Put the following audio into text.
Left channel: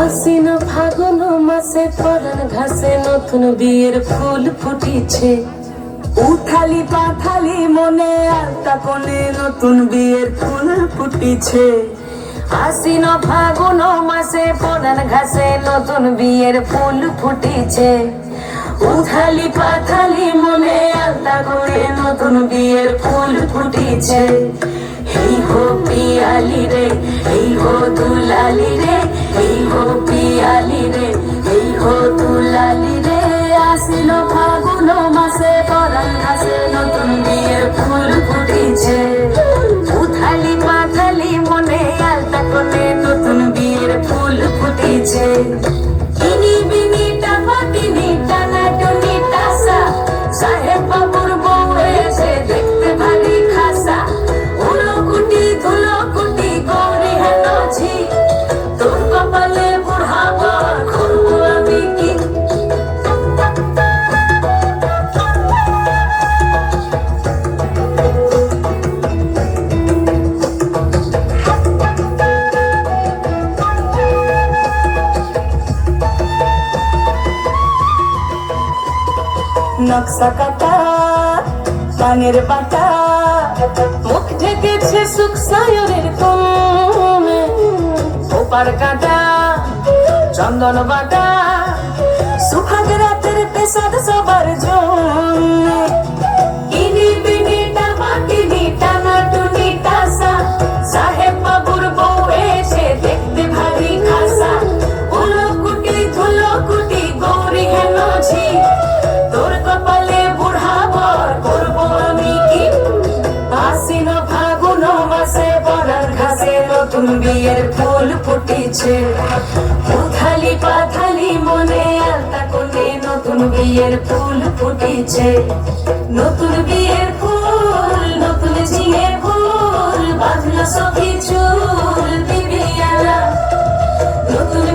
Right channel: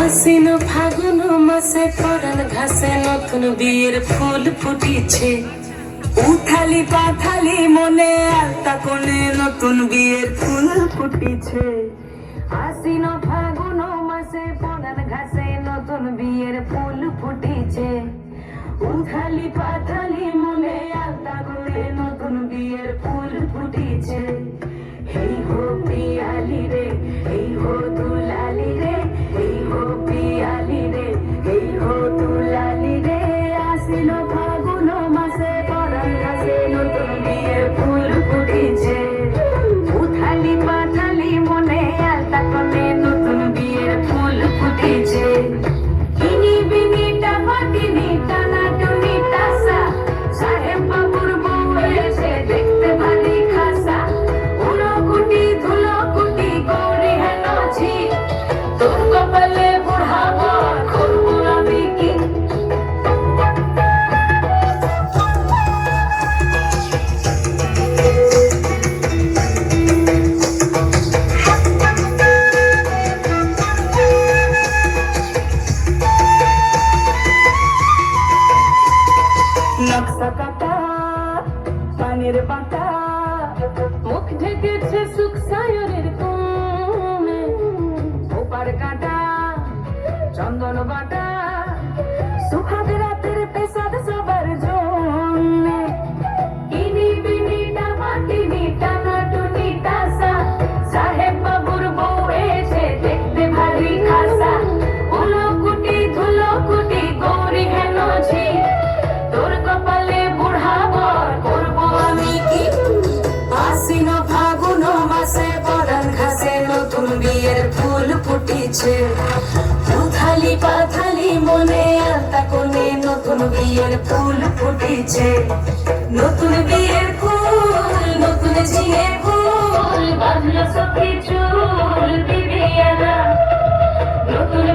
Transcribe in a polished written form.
আশ্বিন ফাগুন মাসে পরাণ ঘাসে নতুন বিয়ের ফুল ফুটিছে। উথালি পাথালি মনে আলতা কোণে নতুন বিয়ের ফুল ফুটিছে। আশ্বিন ফাগুন মাসে পরাণ ঘাসে নতুন বিয়ের ফুল ফুটিছে। উথালি পাথালি মনে আলতা কোণে নতুন বিয়ের ফুল ফুটিছে। এই হো পিয়ালি রে, এই হো দুলালি রে, এই হো পিয়ালি রে, এই হো দুলালি রে। আশ্বিন ফাগুন মাসে পরাণ ঘাসে নতুন বিয়ের ফুল ফুটিছে। উথালি পাথালি মনে আলতা কোণে নতুন বিয়ের ফুল ফুটিছে। কিনি বিনি টাপা কিনি টানা টুনি টাসা, সাহেব বাবুর বউ এসে দেখতে ভারী খাসা। উলো কুটি ধুলো কুটি গৌরী হেন ঝি, তোর কপালে বুড়া বর করবো আমি কি। নকশা কাটা পানের বাটা, মুখ ঢেকেছে সুখ সায়রের কমে। ওপার কাটা চন্দন বাটা, সুহাগ রাতের পেশাদ সবার জন্য। কিনি বিনি টাপা কিনি টানা টুনি টাসা, সাহেব বাবুর বউ এসে দেখতে ভারী খাসা। উলো কুটি ধুলো কুটি গৌরী হেন ঝি, তোর কপালে বুড়া বর করবো আমি কি। আশ্বিন ফাগুন মাসে পরাণ ঘাসে নতুন বিয়ের ফুল ফুটিছে। উথালি পাথালি মনে আলতা কোণে নতুন বিয়ের ফুল ফুটিছে। নতুন বিয়ের ফুল নতুন ঝিঙে ফুল, বাঁধলো সখী চুল দিবিয়ালা। নতুন